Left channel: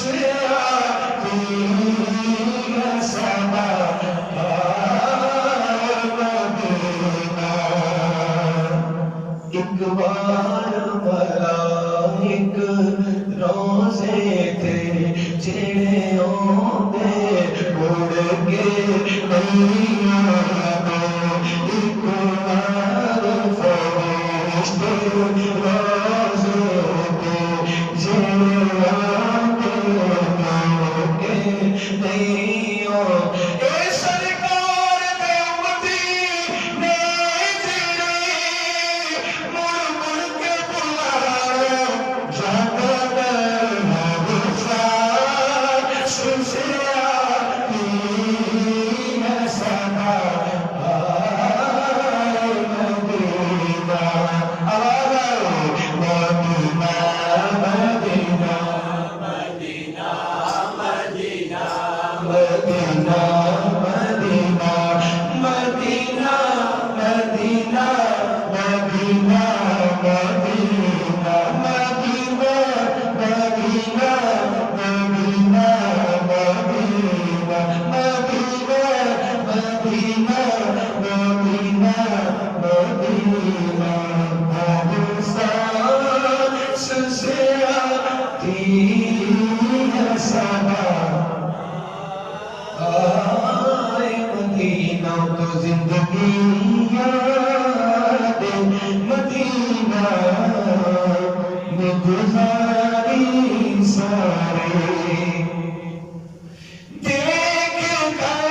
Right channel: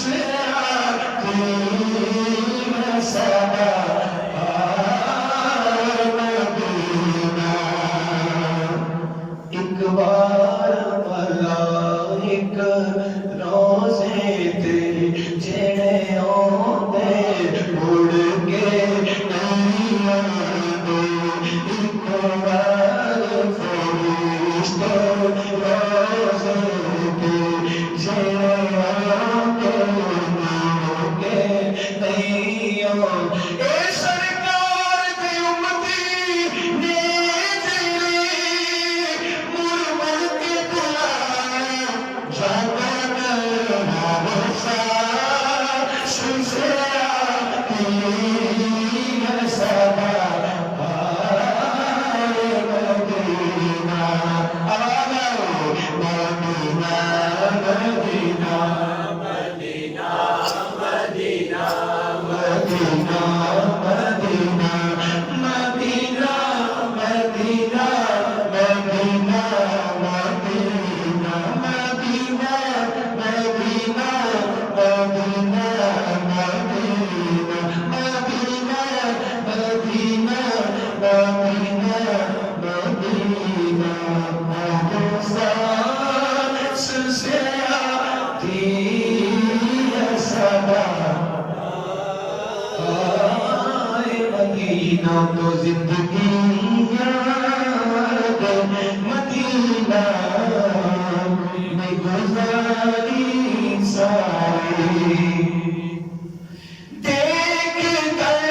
से आती है सदा मदीना। एक बार मलाइक रोज़े ते जेड़े आंदे उड़ के नहीं आंदे। एक बार फरिश्ते रोज़े ते जेड़े आंदे उड़ के नहीं आंदे। ए सरकार दे उम्मती ने जेड़े मुड़ मुड़ के बुलाया जागन हमेशा से आती है सदा मदीना। आवाज़ आओ मदीना मदीना मदीना मदीना मदीना मदीना मदीना मदीना मदीना मदीना मदीना मदीना मदीना मदीना मदीना मदीना मदीना सांस से आती है सदा आए मदीना। तो जिंदगी याद मदीना में गुजारी सारी। देख कर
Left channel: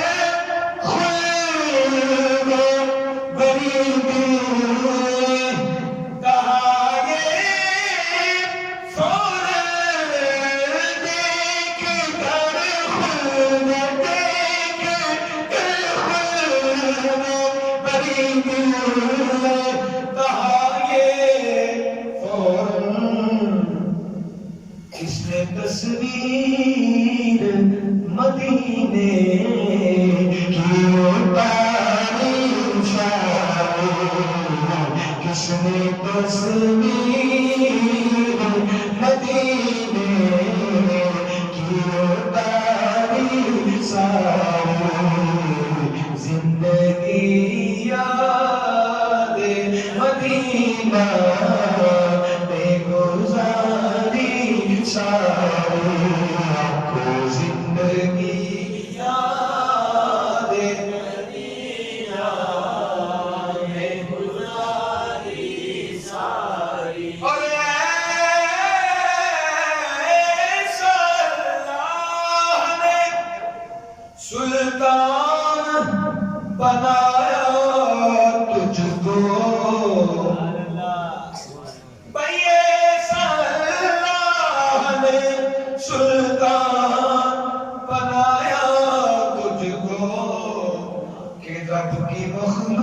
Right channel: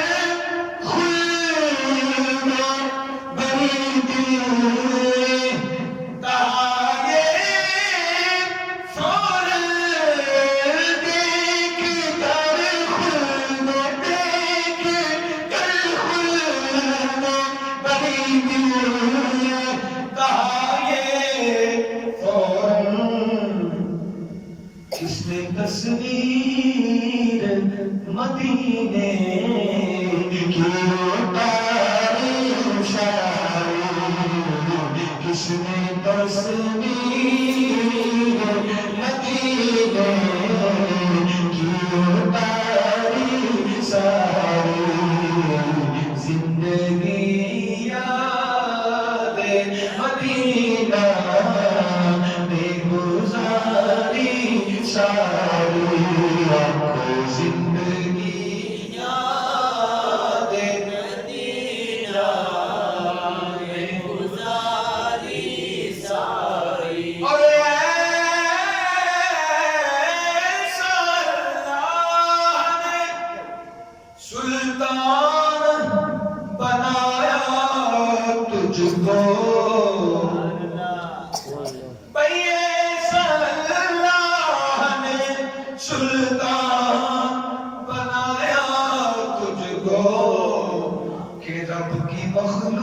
खुल्द बड़ी दिल कहा ये फौरन। देख कर खुल्द देख कर खुल्द बड़ी दिल कहा ये फौरन। इसने तस्वीर मदीने की उतारी शायरी। किसने तस्वीर मदीने की उतारी सारी। जिंदगी याद मदीना में गुजारी सारी। आपको जिंदगी याद मदीना में गुजारी सारी। और ऐसा अल्लाह ने सुल्तान बनाया तुझको। भाई ऐसा अल्लाह ने सुल्तान बनाया तुझको कि रब की मखलूक